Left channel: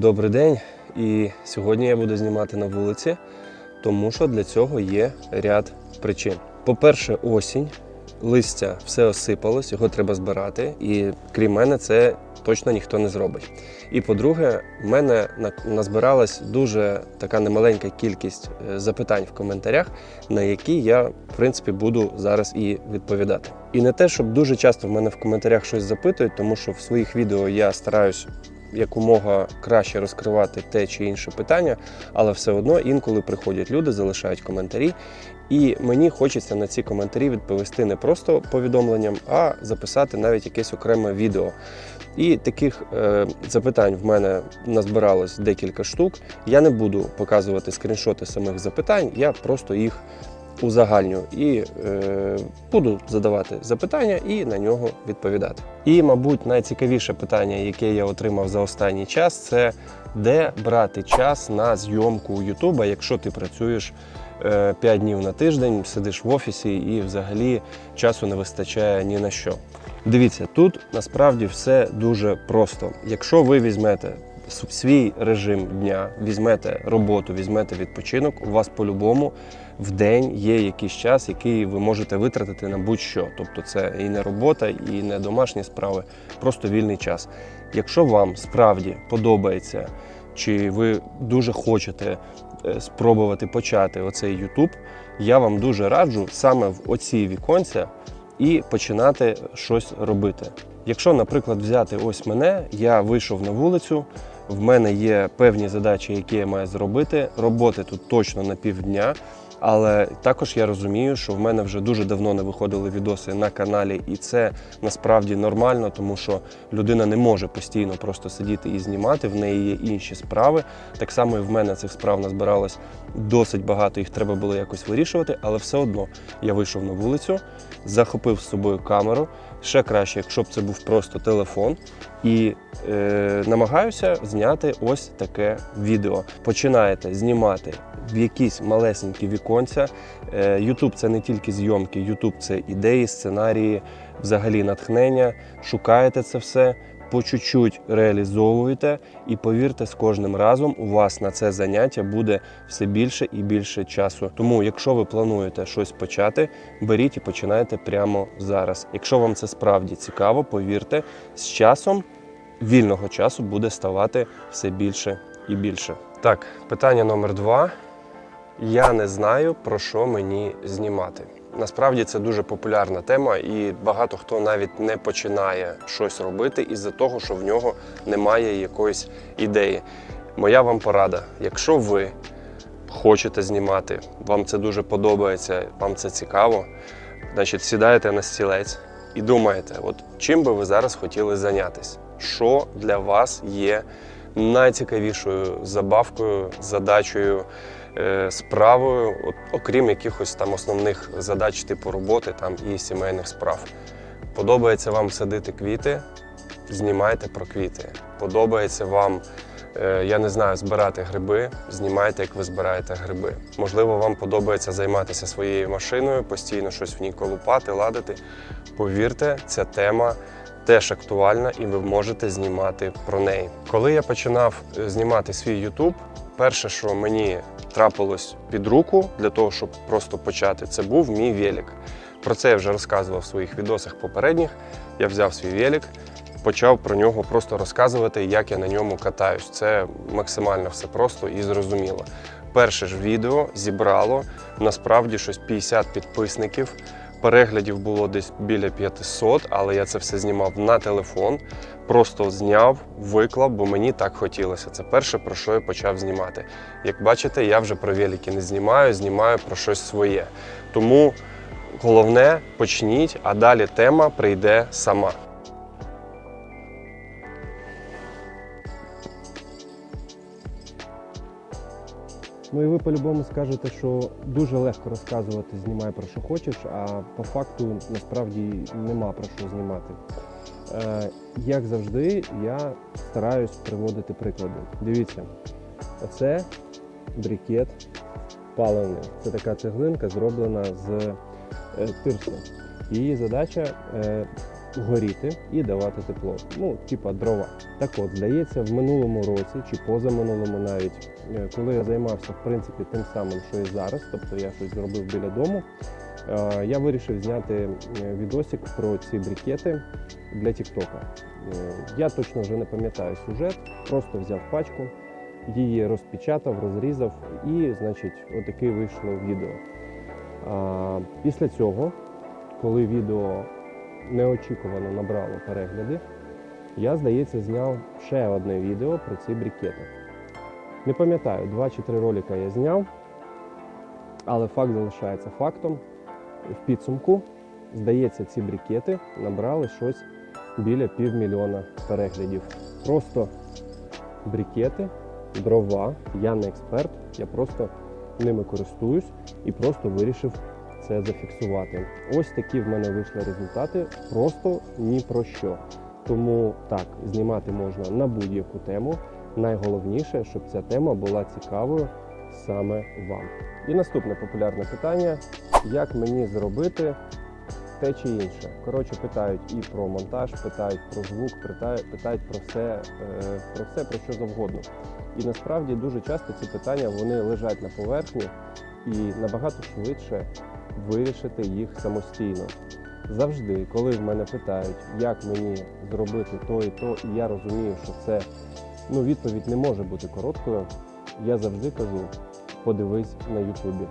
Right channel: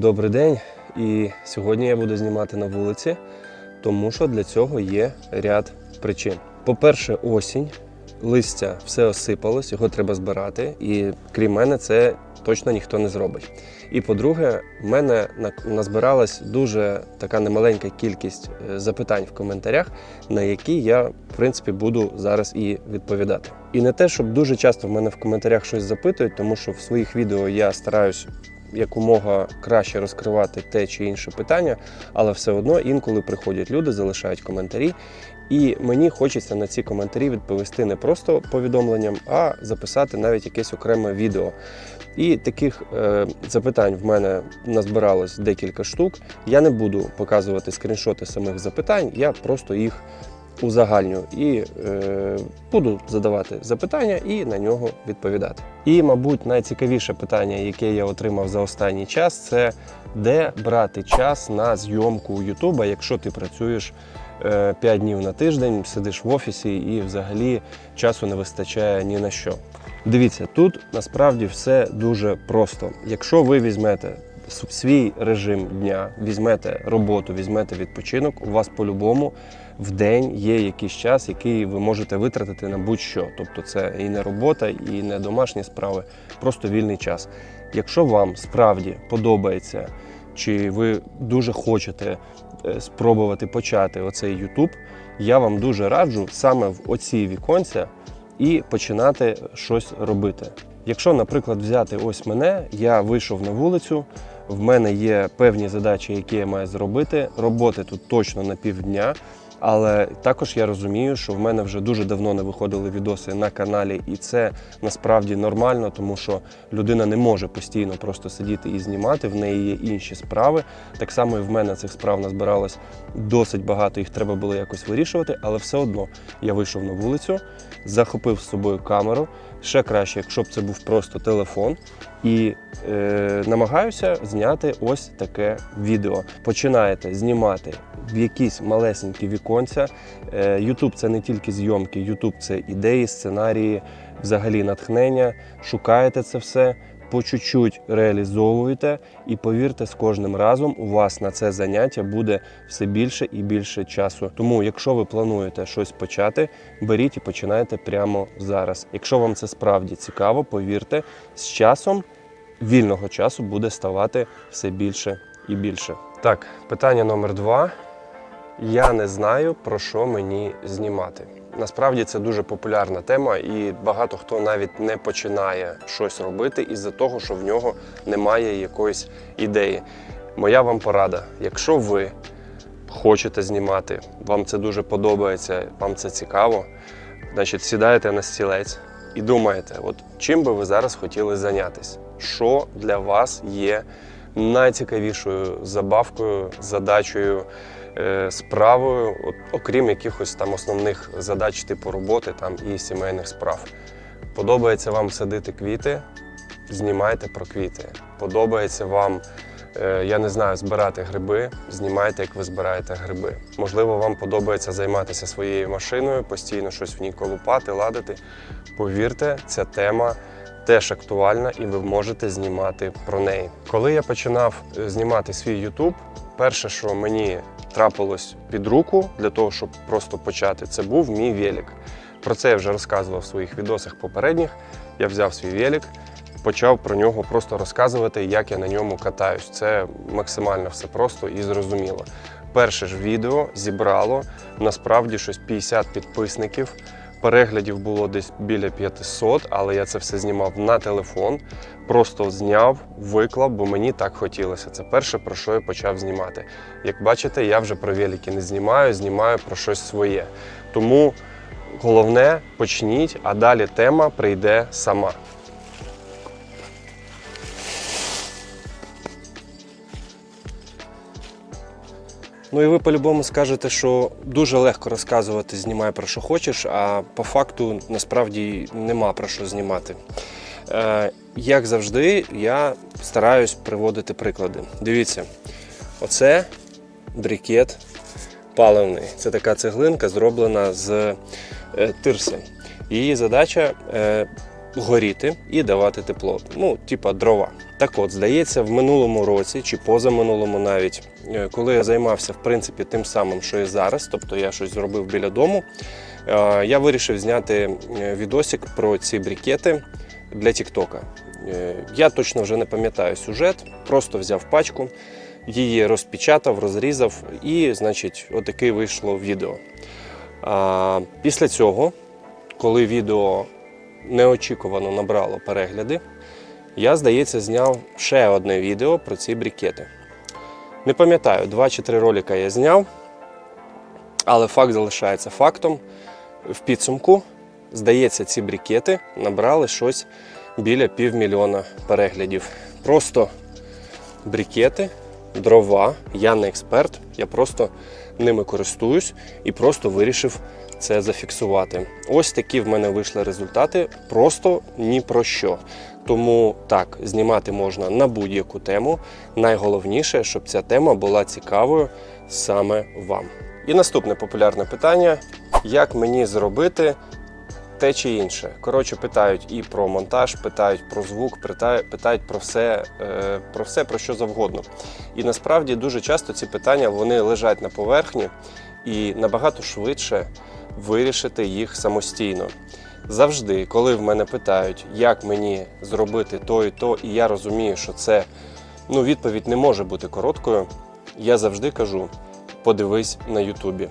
Добрий день. І сьогодні я буду знімати на вулиці, тому що для цього є ряд причин. По-перше, осінь, листя все осипалось, його треба збирати, і крім мене, це точно ніхто не зробить. І по-друге, в мене на- назбиралась дуже така немаленька кількість е, запитань в коментарях, на які я, в принципі, буду зараз і відповідати. І не те, щоб дуже часто в мене в коментарях щось запитують, тому що в своїх відео я стараюсь якомога краще розкривати те чи інше питання, але все одно інколи приходять люди, залишають коментарі. І мені хочеться на ці коментарі відповісти не просто повідомленням, а записати навіть якесь окреме відео. І таких е, запитань в мене назбиралось декілька штук. Я не буду показувати скріншоти самих запитань, я просто їх узагальню і е, буду задавати запитання і на нього відповідати. І, мабуть, найцікавіше питання, яке я отримав за останній час, це де брати час на зйомку Ютуба, якщо ти працюєш 5 днів на тиждень, сидиш в офісі і взагалі часу не вистачає ні на що. Дивіться, тут насправді все дуже просто. Якщо ви візьмете свій режим дня, візьмете роботу, візьмете відпочинок, у вас по-любому в день є якийсь час, який ви можете витратити на будь-що. Тобто це і не робота, і не домашні справи, просто вільний час. Якщо вам справді подобається, чи ви дуже хочете е, спробувати почати оцей YouTube, я вам дуже раджу саме в оці віконця і починати щось робити. Якщо, наприклад, взяти ось мене, я вийшов на вулицю, в мене є певні задачі, які я маю зробити. Роботи тут точно на півдня. Але також я розумію, що в мене вже дуже давно не виходили відоси на каналі, і це насправді нормально, тому що людина не може постійно просто сидіти і знімати. В неї є інші справи. Так само і в мене цих справ назбиралось досить багато, їх треба було якось вирішувати, але все одно я вийшов на вулицю, захопив з собою камеру. Ще краще, якщо б це був просто телефон, і е, намагаюся зняти ось таке відео. Починаєте знімати в якісь малесенькі віконця. Е, YouTube це не тільки зйомки, Ютуб це ідеї, сценарії, взагалі натхнення. Шукаєте це все. По чуть-чуть реалізовуєте, і повірте, з кожним разом у вас на це заняття буде все більше і більше часу. Тому, якщо ви плануєте щось почати, беріть і починайте прямо зараз. Якщо вам це справді цікаво, повірте, з часом вільного часу буде ставати все більше і більше. Так, питання номер два. Я не знаю, про що мені знімати. Насправді це дуже популярна тема, і багато хто навіть не починає щось робити із-за того, що в нього немає якоїсь ідеї. Моя вам порада: якщо ви хочете знімати, вам це дуже подобається, вам це цікаво, значить сідаєте на стілець і думаєте, от чим би ви зараз хотіли зайнятися? Що для вас є найцікавішою забавкою, задачею, справою, от, окрім якихось там основних задач типу роботи там, і сімейних справ. Подобається вам садити квіти, знімайте про квіти. Подобається вам, е, я не знаю, збирати гриби, знімайте, як ви збираєте гриби. Можливо, вам подобається займатися своєю машиною, постійно щось в ній колупати, ладити. Повірте, ця тема теж актуальна і ви можете знімати про неї. Коли я починав е, знімати свій YouTube, перше, що мені трапилось під руку для того, щоб просто почати, це був мій велик. Про це я вже розказував в своїх відосах попередніх. Я взяв свій велик, почав про нього просто розказувати, як я на ньому катаюсь. Це максимально все просто і зрозуміло. Перше ж відео зібрало насправді щось 50 підписників. Переглядів було десь біля 500, але я це все знімав на телефон. Просто зняв, виклав, бо мені так хотілося. Це перше, про що я почав знімати. Як бачите, я вже про велики не знімаю, знімаю про щось своє. Тому головне почніть, а далі тема прийде сама. Ну і ви по-любому скажете, що дуже легко розказувати, знімай про що хочеш, а по факту насправді нема про що знімати. Е, як завжди, я стараюсь приводити приклади. Дивіться, оце брикет паливний. Це така цеглинка, зроблена з е, тирси. Її задача е, горіти і давати тепло. Ну, типа дрова. Так от, здається, в минулому році чи позаминулому навіть, е, коли я займався в принципі тим самим, що і зараз, тобто я щось зробив біля дому, е, я вирішив зняти е, відосик про ці брікети для Тіктока. Я точно вже не пам'ятаю сюжет, просто взяв пачку, її розпечатав, розрізав, і, значить, отаке вийшло відео. Після цього, коли відео неочікувано набрало перегляди, я, здається, зняв ще одне відео про ці брікети. Не пам'ятаю, два чи три ролика я зняв, але факт залишається фактом. В підсумку, здається, ці брікети набрали щось біля півмільйона переглядів. Просто брікети, дрова. Я не експерт, я просто ними користуюсь і просто вирішив це зафіксувати. Ось такі в мене вийшли результати, просто ні про що. Тому так, знімати можна на будь-яку тему. Найголовніше, щоб ця тема була цікавою саме вам. І наступне популярне питання: як мені зробити те чи інше. Коротше, питають і про монтаж, питають про звук, питають, про все, е, про все, про що завгодно. І насправді дуже часто ці питання вони лежать на поверхні і набагато швидше вирішити їх самостійно. Завжди, коли в мене питають, як мені зробити то і то, і я розумію, що це ну, відповідь не може бути короткою, я завжди кажу: подивись на Ютубі.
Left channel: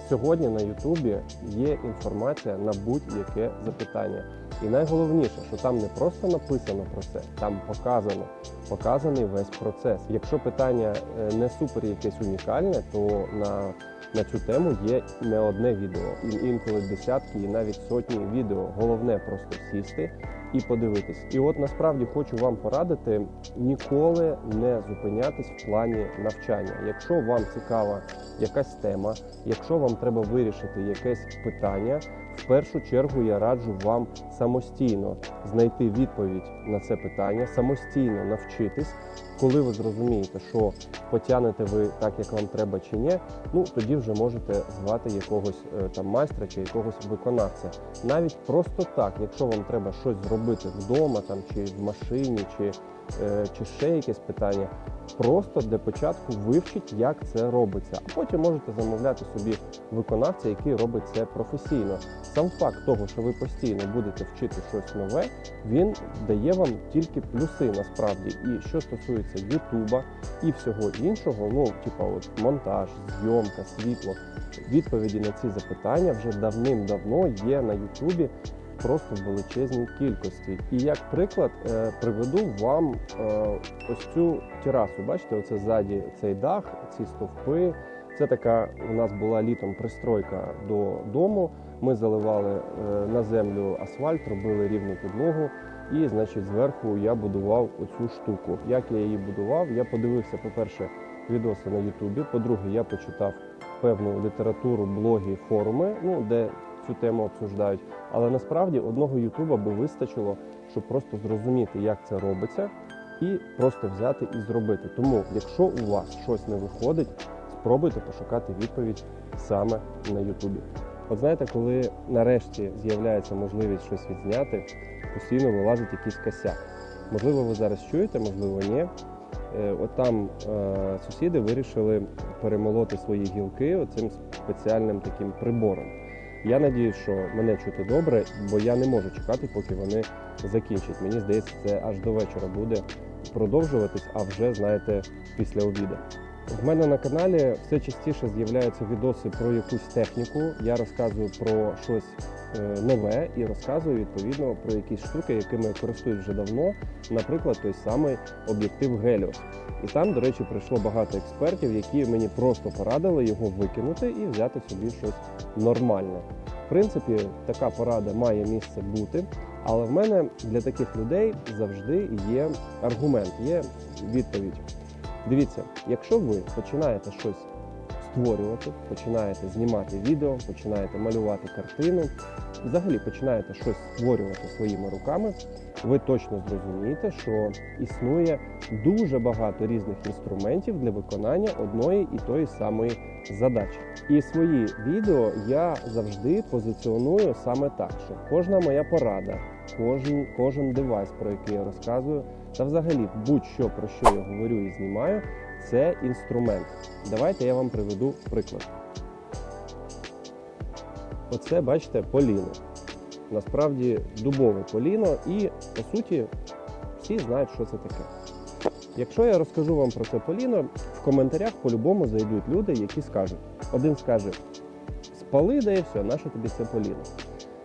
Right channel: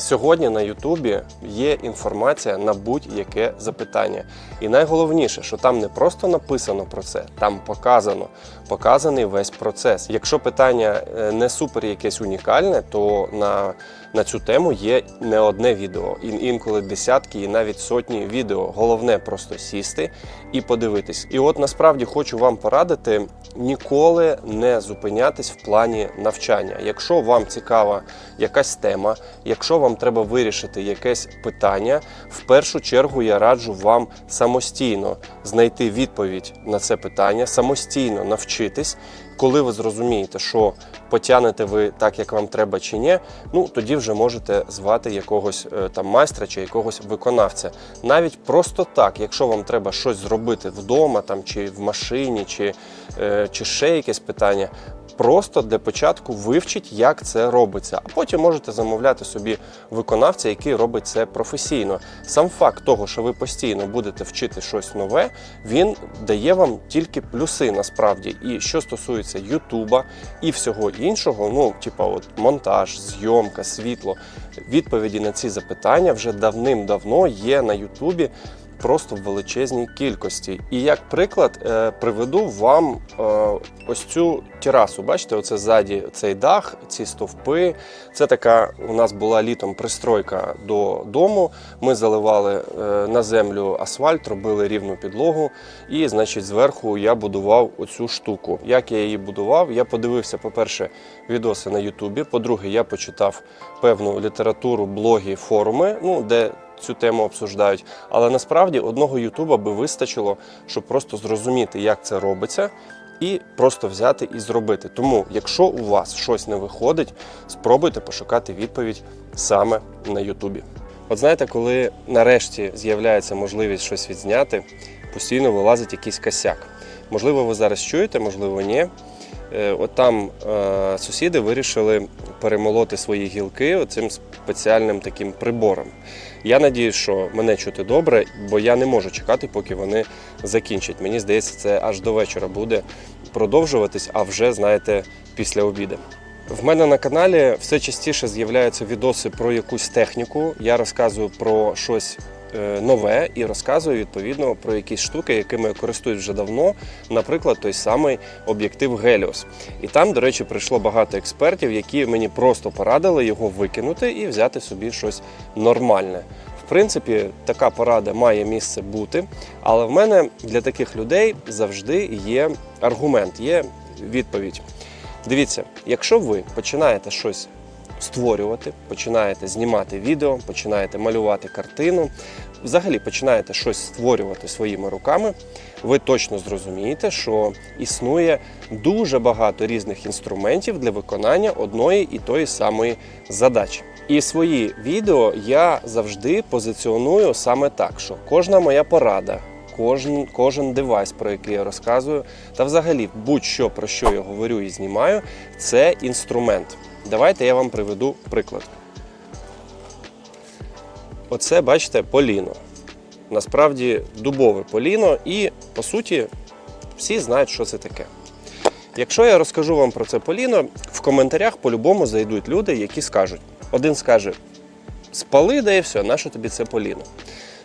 Сьогодні на Ютубі є інформація на будь-яке запитання. І найголовніше, що там не просто написано про це, там показано, показаний весь процес. Якщо питання е, не супер якесь унікальне, то на, на цю тему є не одне відео, інколи десятки і навіть сотні відео. Головне просто сісти і подивитись. І от насправді хочу вам порадити ніколи не зупинятись в плані навчання. Якщо вам цікава якась тема, якщо вам треба вирішити якесь питання, в першу чергу я раджу вам самостійно знайти відповідь на це питання, самостійно навчитись. Коли ви зрозумієте, що потягнете ви так, як вам треба чи ні, ну тоді вже можете звати якогось е, там майстра чи якогось виконавця. Навіть просто так, якщо вам треба щось зробити вдома, там чи в машині, чи, е, чи ще якесь питання, просто для початку вивчіть, як це робиться, а потім можете замовляти собі виконавця, який робить це професійно. Сам факт того, що ви постійно будете вчити щось нове, він дає вам тільки плюси насправді. І що стосується Ютуба і всього іншого, ну типа от монтаж, зйомка, світло, відповіді на ці запитання вже давним-давно є на Ютубі. Просто в величезній кількості. І як приклад е, приведу вам е, ось цю терасу. Бачите, оце ззаді цей дах, ці стовпи. Це така у нас була літом пристройка до дому. Ми заливали е, на землю асфальт, робили рівну підлогу. І, значить, зверху я будував оцю штуку. Як я її будував? Я подивився, по-перше, відоси на Ютубі. По-друге, я почитав певну літературу, блоги, форуми, ну де цю тему обсуждають. Але насправді одного Ютуба би вистачило, щоб просто зрозуміти, як це робиться. І просто взяти і зробити. Тому, якщо у вас щось не виходить, спробуйте пошукати відповідь саме на Ютубі. От знаєте, коли нарешті з'являється можливість щось відзняти, постійно вилазить якийсь косяк. Можливо, ви зараз чуєте, можливо, ні. Е, От там е, сусіди вирішили перемолоти свої гілки оцим спеціальним таким прибором. Я надію, що мене чути добре, бо я не можу чекати, поки вони закінчать. Мені здається, це аж до вечора буде продовжуватись, а вже знаєте, після обіду. В мене на каналі все частіше з'являються відоси про якусь техніку. Я розказую про щось нове і розказую відповідно про якісь штуки, якими я користуюсь вже давно. Наприклад, той самий об'єктив Helios. І там, до речі, прийшло багато експертів, які мені просто порадили його викинути і взяти собі щось нормальне. В принципі, така порада має місце бути, але в мене для таких людей завжди є аргумент, є відповідь. Дивіться, якщо ви починаєте щось створювати, починаєте знімати відео, починаєте малювати картину, взагалі починаєте щось створювати своїми руками, ви точно зрозумієте, що існує дуже багато різних інструментів для виконання одної і тої самої задачі. І свої відео я завжди позиціоную саме так, що кожна моя порада, кожен, кожен девайс, про який я розказую, та взагалі будь-що про що я говорю і знімаю, це інструмент. Давайте я вам приведу приклад. Оце, бачите, поліно. Насправді дубове поліно, і по суті всі знають, що це таке. Якщо я розкажу вам про це поліно, в коментарях по-любому зайдуть люди, які скажуть: один скаже: спали, да і все, нащо тобі це поліно?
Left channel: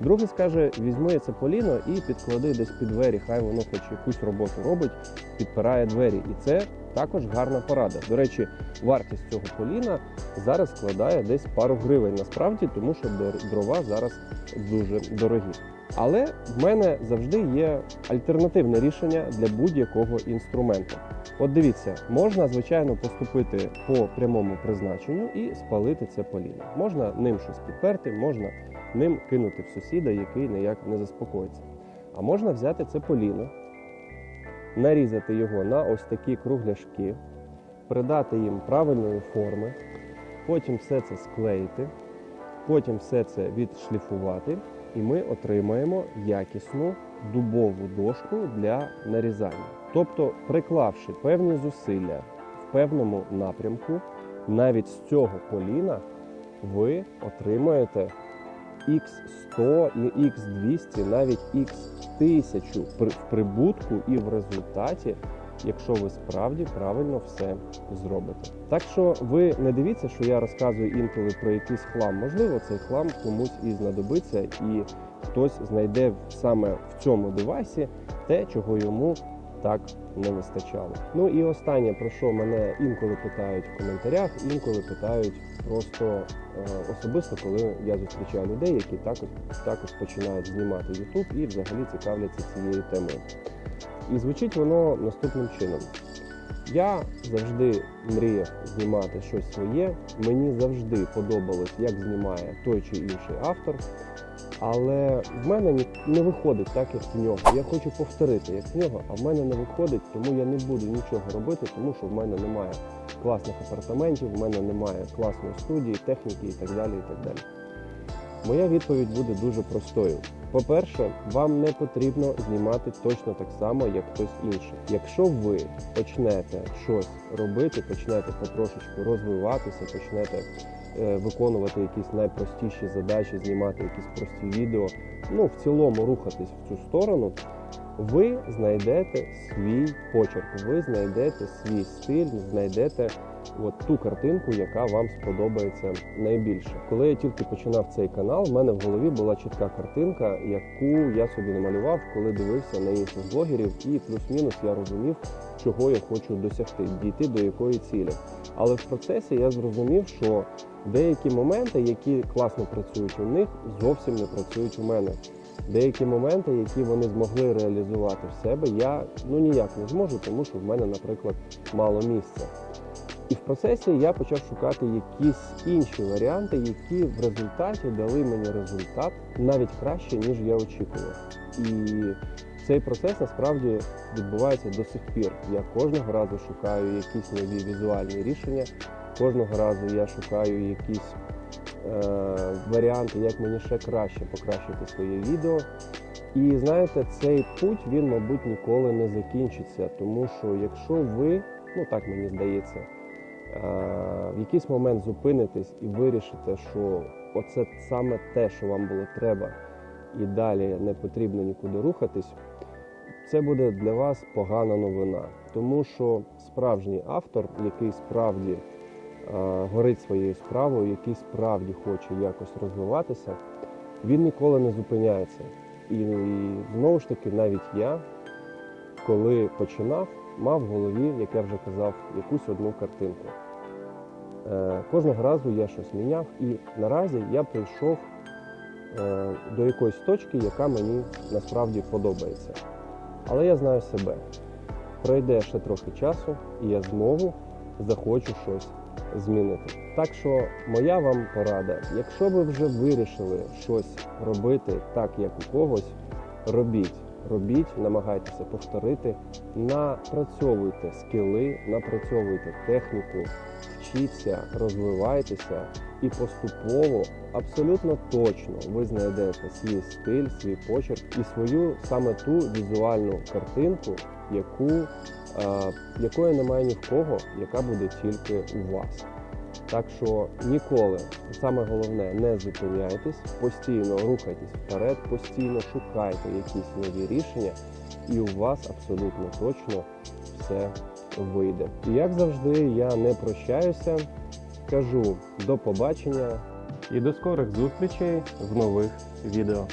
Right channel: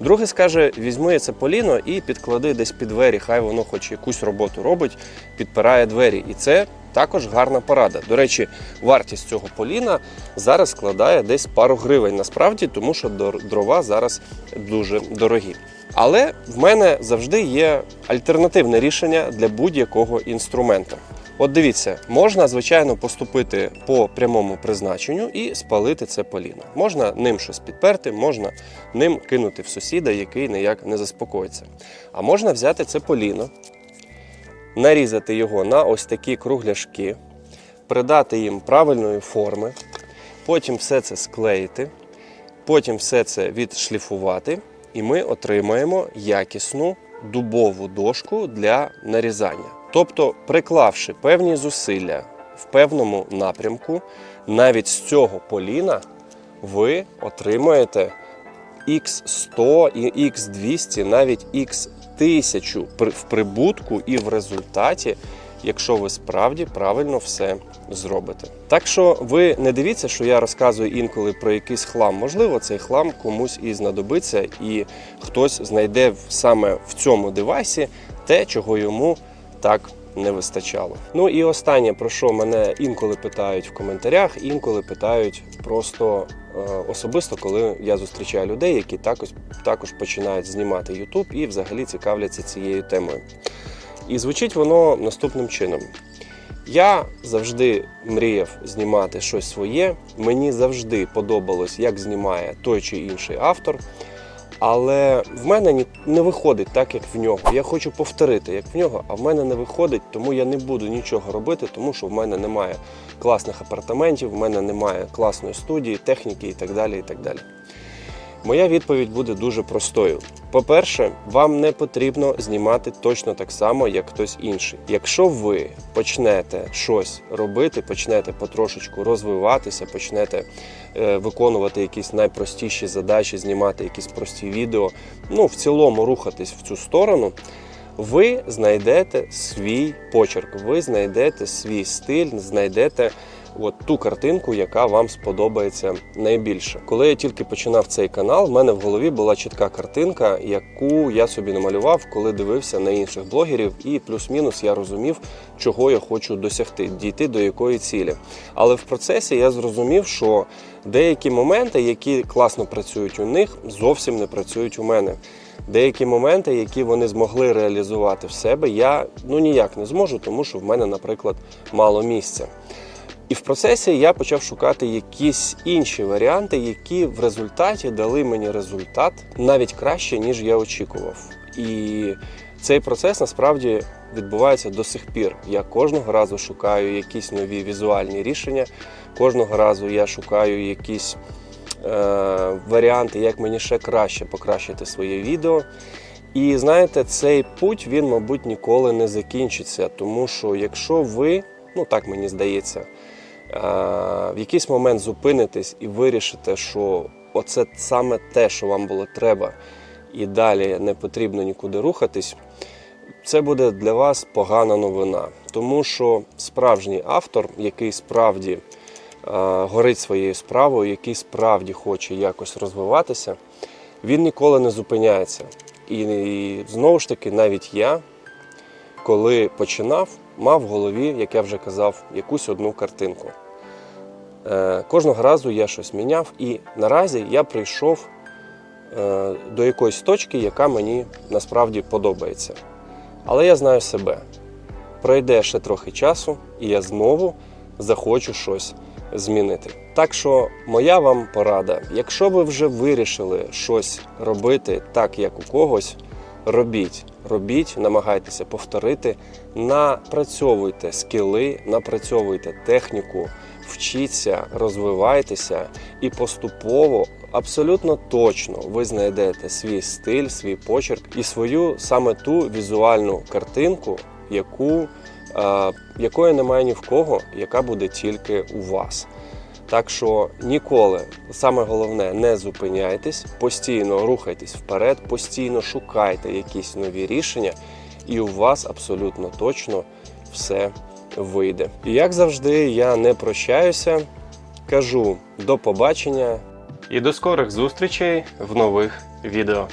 Другий скаже: візьми це поліно і підклади десь під двері, хай воно хоч якусь роботу робить, підпирає двері. І це також гарна порада. До речі, вартість цього поліна зараз складає десь пару гривень насправді, тому що дрова зараз дуже дорогі. Але в мене завжди є альтернативне рішення для будь-якого інструмента. От дивіться, можна звичайно поступити по прямому призначенню і спалити це поліно. Можна ним щось підперти, можна ним кинути в сусіда, який ніяк не заспокоїться. А можна взяти це поліно, нарізати його на ось такі кругляшки, придати їм правильної форми, потім все це склеїти, потім все це відшліфувати, і ми отримаємо якісну дубову дошку для нарізання. Тобто, приклавши певні зусилля в певному напрямку, навіть з цього поліна ви отримаєте X100 і X200, навіть X1000 при- в прибутку і в результаті, якщо ви справді правильно все зробите. Так що ви не дивіться, що я розказую інколи про якийсь хлам. Можливо, цей хлам комусь і знадобиться, і хтось знайде саме в цьому девайсі те, чого йому так не вистачало. Ну і останнє, про що мене інколи питають в коментарях, інколи питають просто е, особисто, коли я зустрічаю людей, які також, також починають знімати YouTube і взагалі цікавляться цією темою. І звучить воно наступним чином. Я завжди мріяв знімати щось своє. Мені завжди подобалось, як знімає той чи інший автор. Але в мене ні- не виходить так, як в нього. Я хочу повторити, як в нього, а в мене не виходить, тому я не буду нічого робити, тому що в мене немає класних апартаментів, в мене немає класної студії, техніки і так далі. І так далі. Моя відповідь буде дуже простою. По-перше, вам не потрібно знімати точно так само, як хтось інший. Якщо ви почнете щось робити, почнете потрошечку розвиватися, почнете е, виконувати якісь найпростіші задачі, знімати якісь прості відео, ну в цілому рухатись в цю сторону. Ви знайдете свій почерк, ви знайдете свій стиль, знайдете от ту картинку, яка вам сподобається найбільше. Коли я тільки починав цей канал, в мене в голові була чітка картинка, яку я собі намалював, коли дивився на інших блогерів, і плюс-мінус я розумів, чого я хочу досягти, дійти до якої цілі. Але в процесі я зрозумів, що деякі моменти, які класно працюють у них, зовсім не працюють у мене. Деякі моменти, які вони змогли реалізувати в себе, я ну ніяк не зможу, тому що в мене, наприклад, мало місця. І в процесі я почав шукати якісь інші варіанти, які в результаті дали мені результат навіть краще, ніж я очікував. І цей процес насправді відбувається до сих пір. Я кожного разу шукаю якісь нові візуальні рішення, кожного разу я шукаю якісь е, варіанти, як мені ще краще покращити своє відео. І знаєте, цей путь він, мабуть, ніколи не закінчиться, тому що якщо ви, ну так мені здається, в якийсь момент зупинитесь і вирішите, що оце саме те, що вам було треба, і далі не потрібно нікуди рухатись, це буде для вас погана новина. Тому що справжній автор, який справді е, горить своєю справою, який справді хоче якось розвиватися, він ніколи не зупиняється. І, і знову ж таки, навіть я, коли починав, мав в голові, як я вже казав, якусь одну картинку. Е, кожного разу я щось міняв, і наразі я прийшов е, до якоїсь точки, яка мені насправді подобається. Але я знаю себе. Пройде ще трохи часу, і я знову захочу щось змінити. Так що моя вам порада: якщо ви вже вирішили щось робити так, як у когось, робіть, робіть, намагайтеся повторити, напрацьовуйте скіли, напрацьовуйте техніку вчіться, розвивайтеся і поступово, абсолютно точно, ви знайдете свій стиль, свій почерк і свою саме ту візуальну картинку, яку, е, якої немає ні в кого, яка буде тільки у вас. Так що ніколи, саме головне, не зупиняйтесь, постійно рухайтесь вперед, постійно шукайте якісь нові рішення, і у вас абсолютно точно все вийде. І як завжди, я не прощаюся, кажу до побачення і до скорих зустрічей в нових відео.